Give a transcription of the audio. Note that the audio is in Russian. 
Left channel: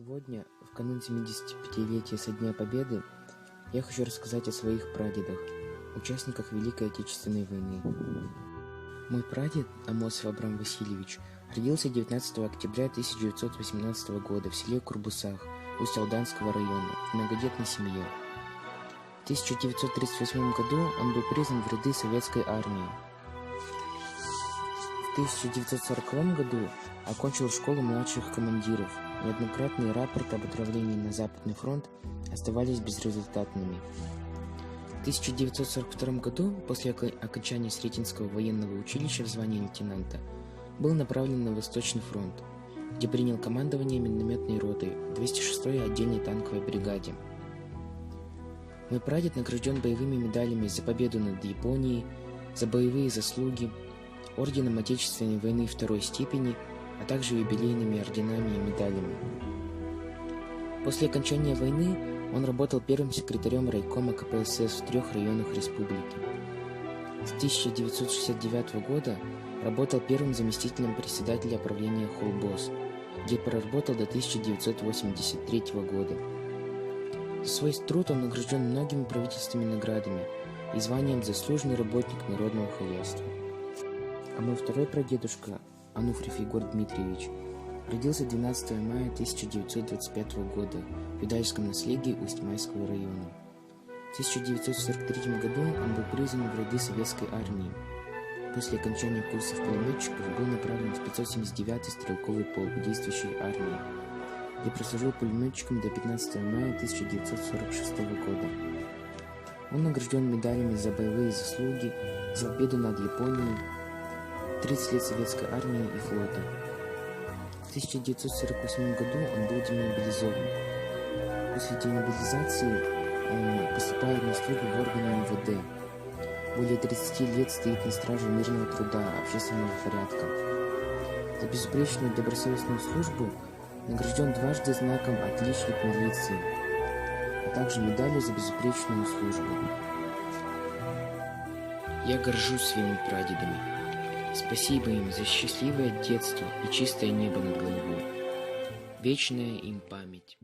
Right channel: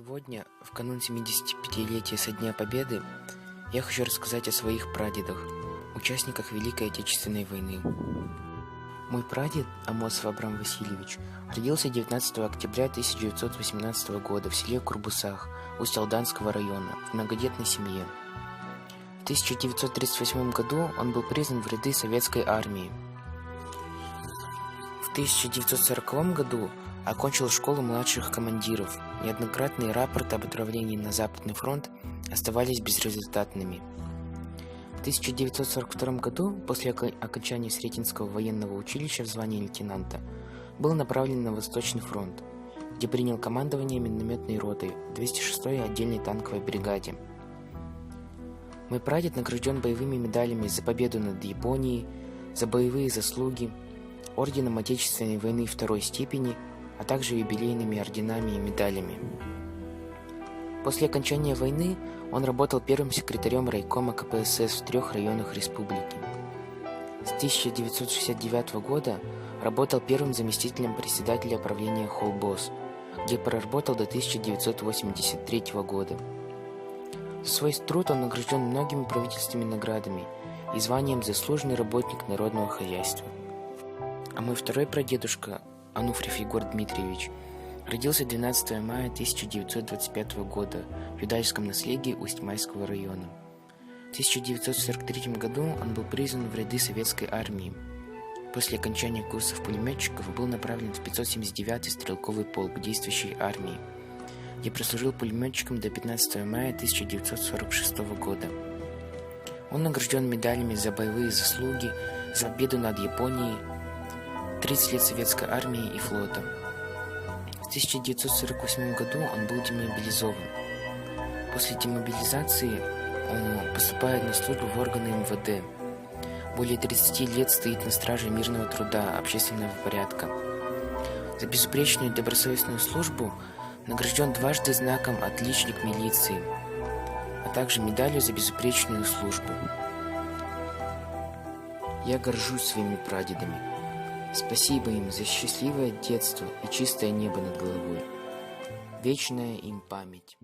Сегодня, в канун 75-летия со Дня Победы, я хочу рассказать о своих прадедах, участниках Великой Отечественной войны. Мой прадед, Амосов Абрам Васильевич, родился 19 октября 1918 года в селе Курбусах Усть-Алданского района в многодетной семье. В 1938 году он был призван в ряды советской армии. В 1940 году окончил школу младших командиров. Неоднократные рапорты об отправлении на Западный фронт оставались безрезультатными. В 1942 году, после окончания Сретенского военного училища в звании лейтенанта, был направлен на Восточный фронт, где принял командование минометной ротой 206-й отдельной танковой бригаде. Мой прадед награжден боевыми медалями за победу над Японией, за боевые заслуги, орденом Отечественной войны второй степени, а также юбилейными орденами и медалями. После окончания войны он работал первым секретарем райкома КПСС в 3 районах республики. С 1969 года работал первым заместителем председателя правления Холбос, где проработал до 1983 года. За свой труд он награжден многими правительственными наградами и званием «Заслуженный работник народного хозяйства». А мой второй прадедушка, Ануфриев Егор Дмитриевич, родился 12 мая 1925 года в Юдальском наследии Усть-Майского района. В 1943 году он был призван в ряды советской армии. После окончания курсов пулеметчиков был направлен в 579-й стрелковый полк действующей армии, где прослужил пулеметчиком до 15 мая 1946 года. Он награжден медалями за боевые заслуги, за победу над Японией, 30 лет советской армии и флота. В 1948 году он был демобилизован. После демобилизации поступает на службу в органы МВД. Более 30 лет стоит на страже мирного труда, общественного порядка. За безупречную и добросовестную службу награжден дважды знаком «Отличник милиции», а также медалью за безупречную службу. Я горжусь своими прадедами. Спасибо им за счастливое детство и чистое небо над головой. Вечная им память.